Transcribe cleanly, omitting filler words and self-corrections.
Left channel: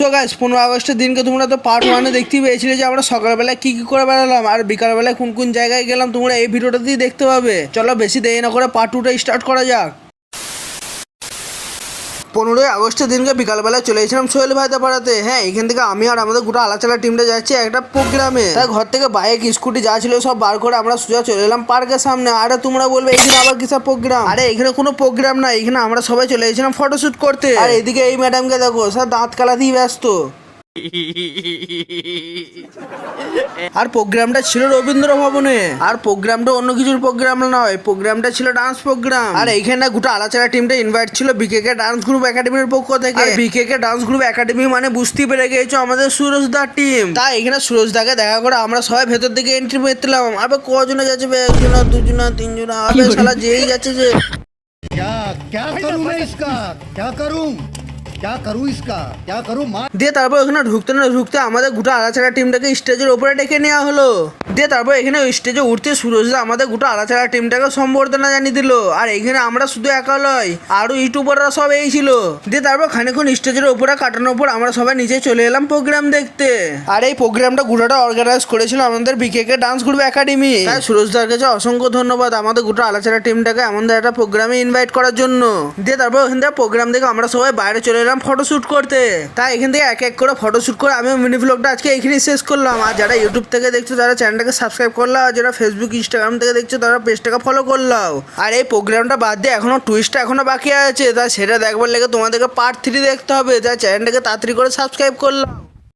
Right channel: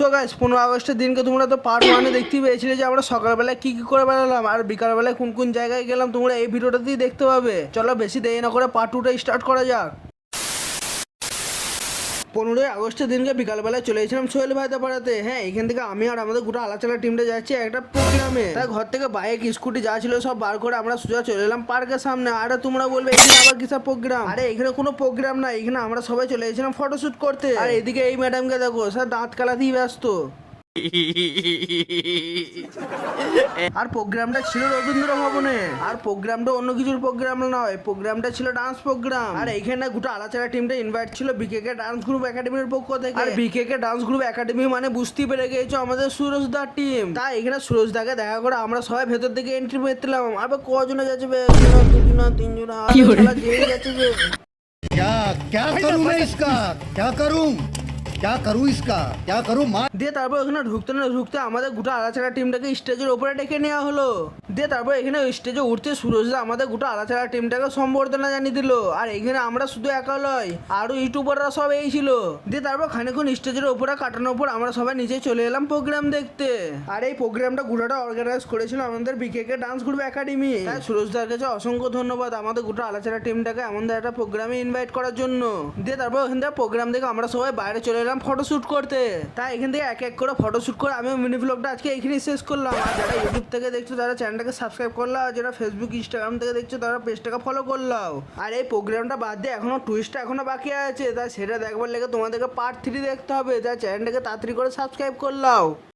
So guys 15 আগস্টের দিনকে তোমরা তো পার্ট 1 দেখতেই পেয়েছিলে যে আমরা সকালবেলা কি করে বেড়ালাম আর বিকালবেলা কোন কোন জায়গায় গেলাম। তোমরা এই ভিডিওটাতেই দেখতে পাবে। চলো বেশি দেরি না করে পার্ট 2টা স্টার্ট করা যাক। 15 আগস্টের দিনকে বিকালবেলা চলে এসেছিলাম সোহেল ভাইদের পাড়াতে। হ্যাঁ, এখান থেকে আমি আর আমাদের গোটা আলাচালা টিমটা যাচ্ছি একটা প্রোগ্রামে। তাই ঘর থেকে বাইক স্কুটি যা ছিল সব বার করে আমরা সোজা চলে এলাম পার্কের সামনে। আরে তোমরা বলবে এখানে আবার কিসব প্রোগ্রাম? আরে এখানে কোনো প্রোগ্রাম না, এখানে আমরা সবাই চলে এসেছিলাম ফটোশুট করতে। আর এদিকে এই ম্যাডামকে দেখো, সব দাঁত কালাতেই ব্যস্ত। আর প্রোগ্রামটা ছিল রবীন্দ্র ভবনে। আর প্রোগ্রামটা অন্য কিছুর প্রোগ্রাম নয়, প্রোগ্রামটা ছিল ডান্স প্রোগ্রাম। আর এইখানে গোটা আলাচারা টিমটা ইনভাইট ছিল বিকেকে ডান্স গ্রুপ একাডেমির পক্ষ থেকে। বিকেকে ডান্স গ্রুপ একাডেমি মানে বুঝতেই পেরে গেছো আমাদের সুরজ দার টিম। তাই এখানে সুরজ দাকে দেখা করে আমরা সবাই ভেতর দিকে এন্ট্রি পেতেলাম। আবার কজনে যাচ্ছে? একজনা, দুজনা, তিনজনা, শালা যেই যাচ্ছে যে। क्या करूं मैं इसका? क्या करूं? क्या करूं इसका? क्या करूं? দিয়ে তারপর ওখানে ঢুকতে না ঢুকতে আমাদের গোটা আলাচারা টিমটাকে স্টেজের উপরে ডেকে নেওয়া হলো। দিয়ে তারপর এখানে স্টেজে উঠতে সুরজদা আমাদের গোটা আলাচারা টিমটাকে সম্বর্ধনা জানিয়ে দিল। আর এখানে আমরা শুধু একা নয়, আরো ইউটিউবাররা সব এই ছিল। দিয়ে তারপর খানিকক্ষণ স্টেজের উপরে কাটানোর পর আমরা সবাই নিচে চলে এলাম প্রোগ্রাম দেখতে। আর এই প্রোগ্রামটা গোটাটা অর্গানাইজ করেছিল আমাদের বিকেকে ডান্স গ্রুপ একাডেমি। তাই সুরজদার কাছে অসংখ্য ধন্যবাদ আমাদের গোটা আলাচারা টিমটাকে আমাদের একটা প্রোগ্রামে ইনভাইট করার জন্য। দিয়ে তারপর ওখান থেকে প্রোগ্রাম দেখে আমরা সবাই বাইরে চলে এলাম ফটোশুট করতে। তাই এখান থেকে এক এক করে ফটোশুট করে আমি মিনি ব্লগটা আজকে এখানেই শেষ করলাম। আর যারা ইউটিউব থেকে দেখছো তারা চ্যানেলটাকে সাবস্ক্রাইব করলাম, আর যারা ফেসবুক ইনস্টাগ্রাম থেকে দেখছো তারা পেজটাকে ফলো করলাম। আর এই প্রোগ্রামটা বাদ দিয়ে এখনো টুইস্টটা এখনো বাকি আছে, তাই সেটা দেখবার লেগে তোমাদেরকে পার্ট 3 দেখতে হবে। তাই চ্যানেলটাকে তাড়াতাড়ি করে সাবস্ক্রাইব করলাম।